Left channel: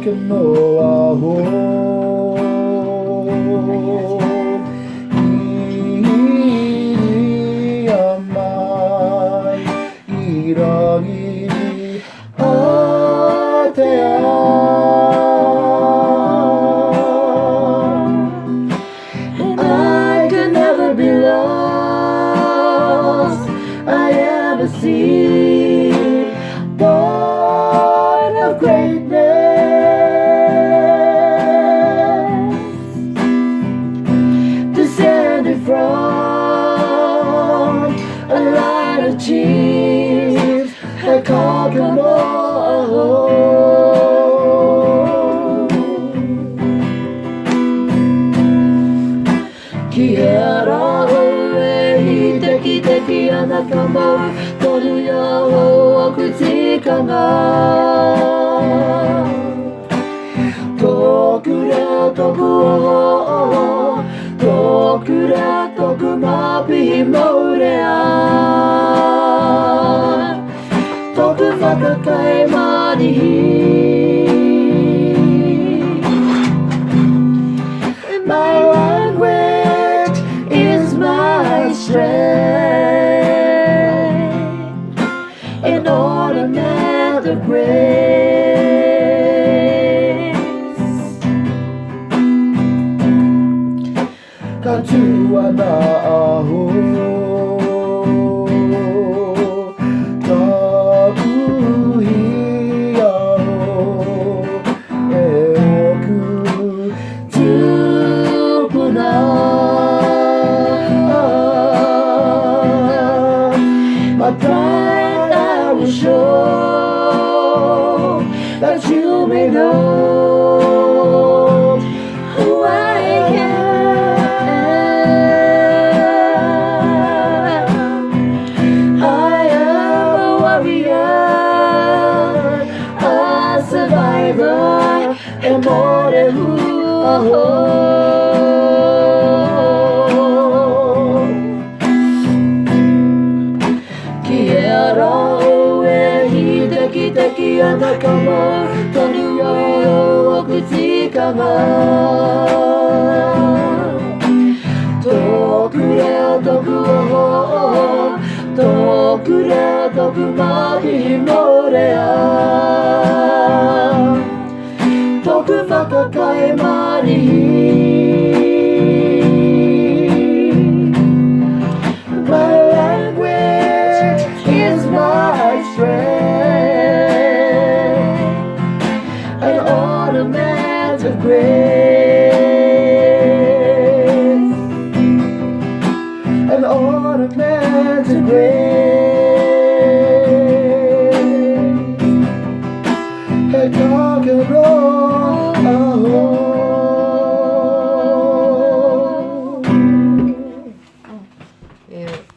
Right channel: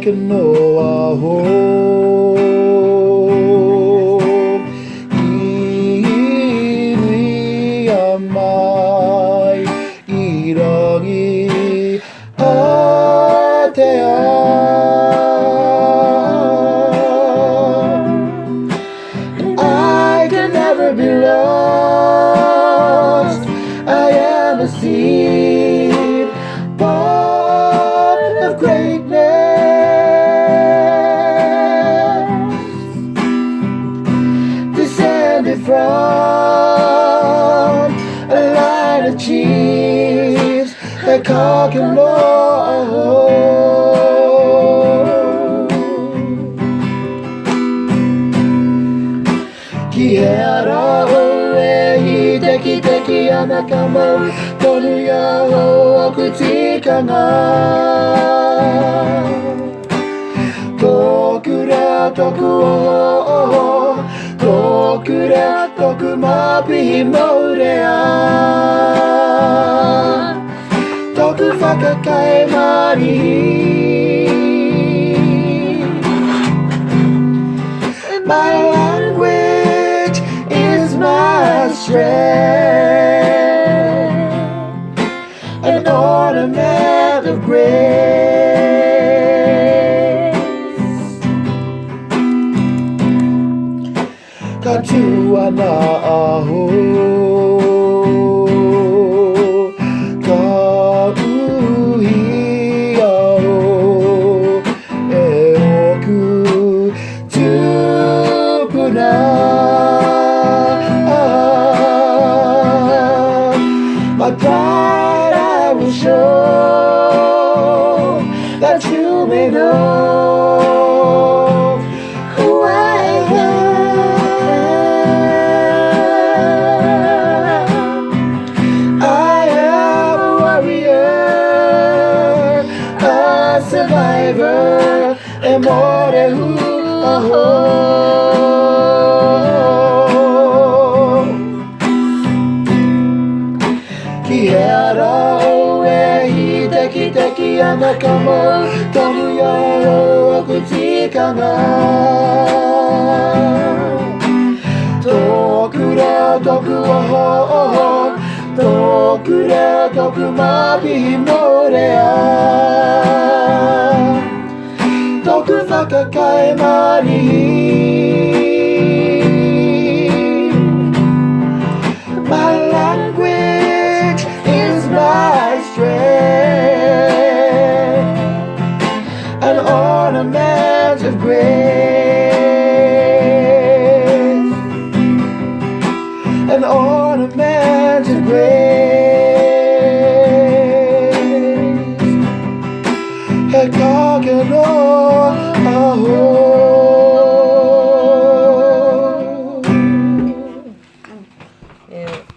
けの青い甘い色に果てやI can never be lost. I am a seed born of greatness, descended from a line of chiefs that conquered all. Quiero oír de aquí a la cama, todo ya lo criticana. Tokura toku, tokura toku mapi morea. Toku fakakai mari. An ornament of grace. Katua na aho, kakuhi aho, e oku tupuna. My pride I will show, that you may know who I am. I am a warrior, a survivor, and more than who. Quiero ver de aquí a la cama, todo yo criticana. Tokura toku mapi morea. Toku fakakai mari. An ornament of grace.